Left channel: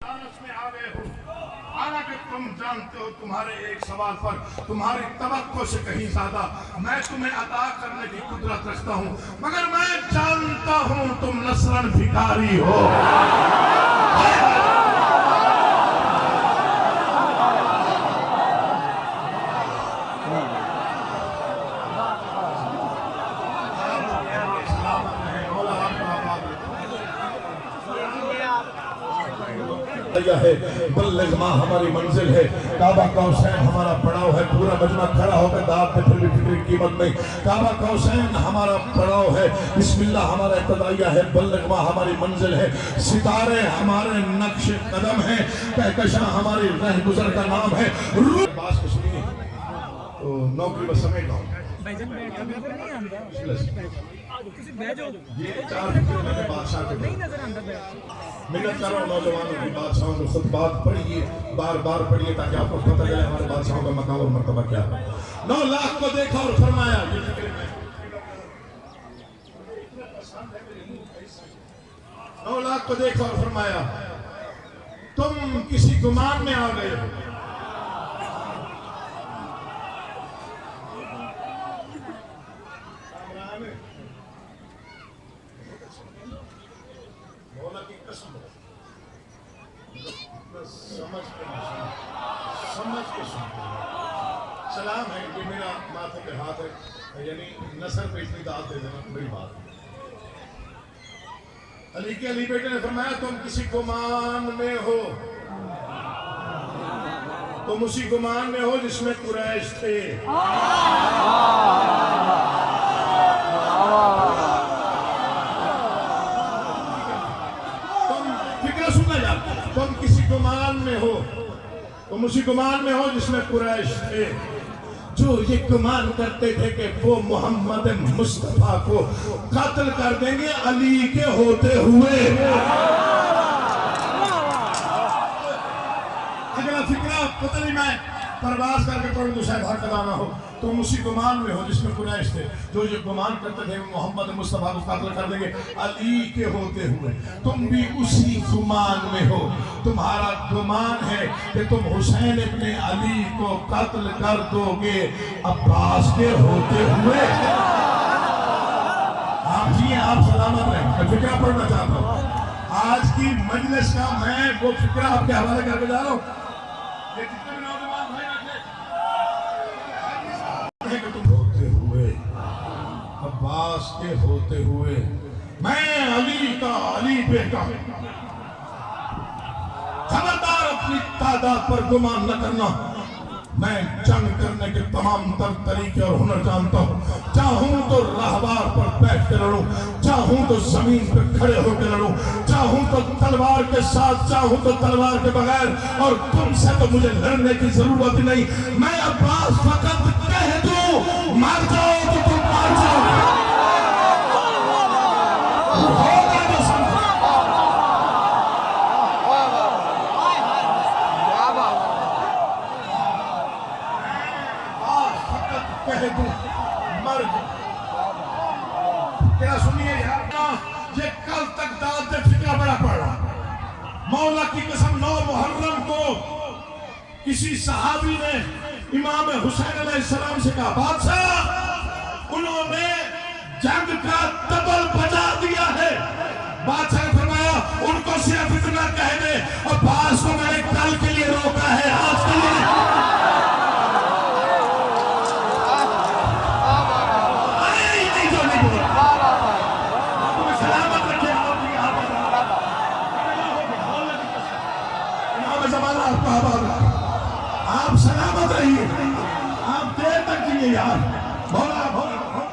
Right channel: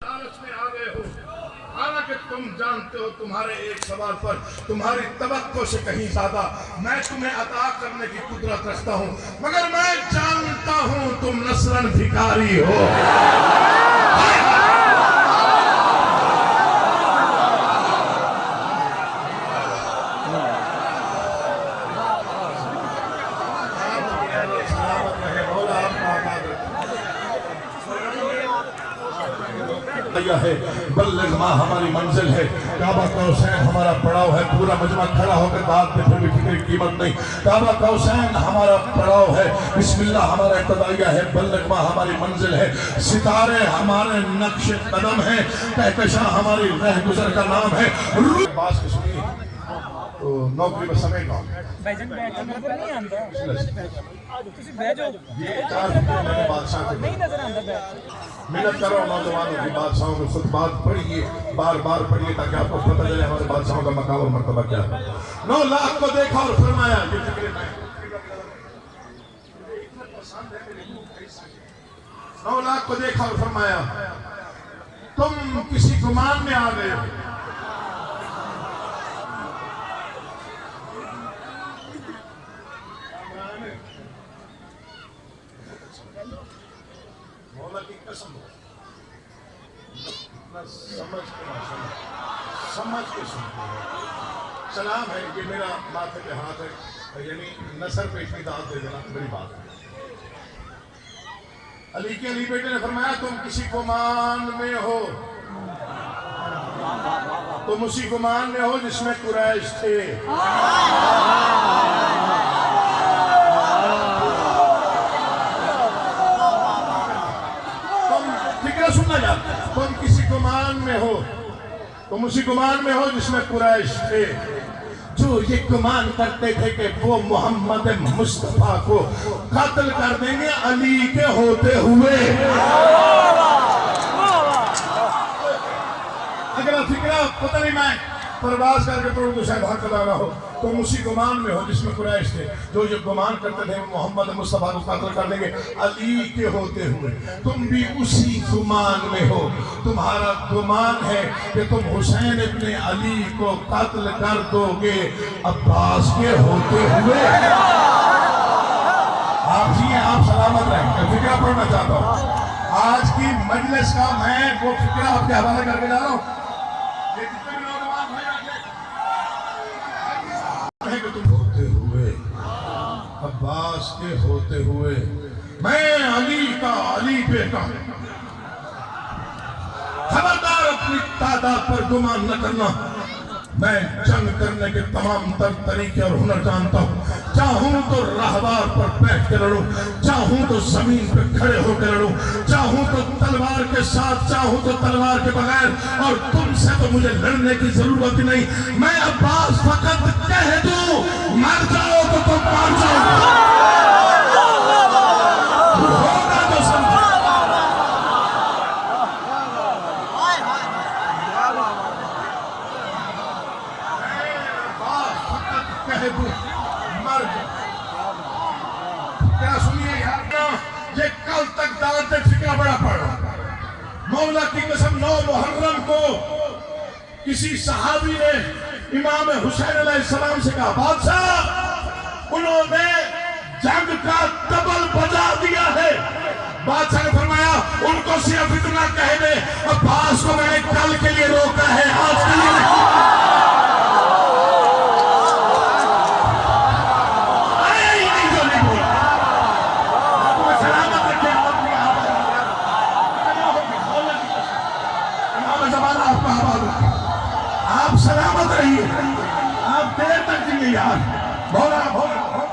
लालच में आ गए हो, हालांकि तुम जानते हो तुम्हारे एक सवाल पर तुम्हारी तवक्को से कहीं ज्यादा मैं तुम्हें अता करने की कुदरत रखता हूं, मगर मैं जानता हूं तुम नस्लन भिखारी हो। है बल्लग माँ हमारी मंजिल है, काबा कौसैन हमारा पड़ाव है। पूरा मजमा खड़ा होकर दाद में फिर भी फिक्र की कीमत नहीं। काबा कौसैन हमारा पड़ाव है, बिस्मिल्लाह हमारा इब्तिदाइया है, बल्लग माँ हमारी मंजिल है। सितारे हमारे नक्श कदम है, कहकशां हमारी रह गुजर का नाम है। बात सुनिए तो नौकरी में समय का नहीं आता। ये चार मैंने बादशाह को नहीं नजर आता। मिन्नत करो नौजवानों की, बादशाहों को खुद बात पढ़िए, बार बार पढ़िए ताकि आपको पता चले हमारे बादशाहों का मकाम और मर्तबा क्या है। 9 लाख को देखा और फरमाया, 9 लाख को देखा और फरमाया तुम किसी गुमान में आ गए। समझ के सुनते सलाम है कि मेरा माथे पे हाथ है, यानी नसर पे इतनी दाद दे देना बड़ी बात है। अली के अली बेटे ने फरमाया तुम किसी गुमान में हो, तुम उसी गुमान में हो जिसमें कुरैश थे। तुम फिक्र सुनना चाहते, तुम किसी गुमान में हो, तुम उसी गुमान में हो जिसमें कुरैश थे, जो ये गुमान करते थे कि वो मोहम्मद मुस्तफा को कत्ल कर देंगे अली के होते हुए। अगला फिक्रा पता नहीं मैं परवाज करके पढ़ूं तो शायद हक अदा हो। तुम उसी गुमान में हो जिसमें कुरैश थे, जो ये गुमान करते थे मोहम्मद मुस्तफा को कत्ल कर देंगे अली के होते हुए। तुम भी उसी गुमान में हो। तुम्हारा गुमान है कि तुम हुसैन इब्ने अली को कत्ल कर दोगे अब्बास के होते हुए। आप जी आप सलामत रहें। मैं फिक्रा पढ़ना चाहता हूँ आज की मजलिस का, मैं वो फिक्रा आपके हवाले करके जा रहा हूँ। तुम होते हुए अब्बास के होते हुए, मैं अली का अली बेटा। खबरदार अपनी तादाद पर गुमान न करना। मैं जंग करने के तमाम तर तरीके और हुनर जानता हूँ। चाहूं तो राहवार पर बैठ कर लड़ूं, चाहूं तो जमीन पर खड़े होकर लड़ूं, चाहूं तो तलवार के साथ, चाहूं तो तलवार के बगैर। और तुमसे तो मुझे लड़ने की जरूरत ही नहीं। मैं अब्बास फकत कह दूं मर जाओ तो तुम मार जाओ, होगा तो समझो। कह दूं मर क्या सुनिए यार, ये कल तक दाद फिक्रा बड़ा पड़ा। मौला की कसम 9 मुहर्रम को किसी सहाबी ने इमाम हुसैन अलैहिस्सलाम से कहा बादशाह उन्होंने जंग का तबल बजा दिया है। बादशाह ने फरमाया उनको सिर्फ इतना कह दे अब्बास को मैंने कल के लिए रोका है, आज के लिए नहीं। आप सलामत रहिए, आप देर तक जिए यार। भोला भोला भोला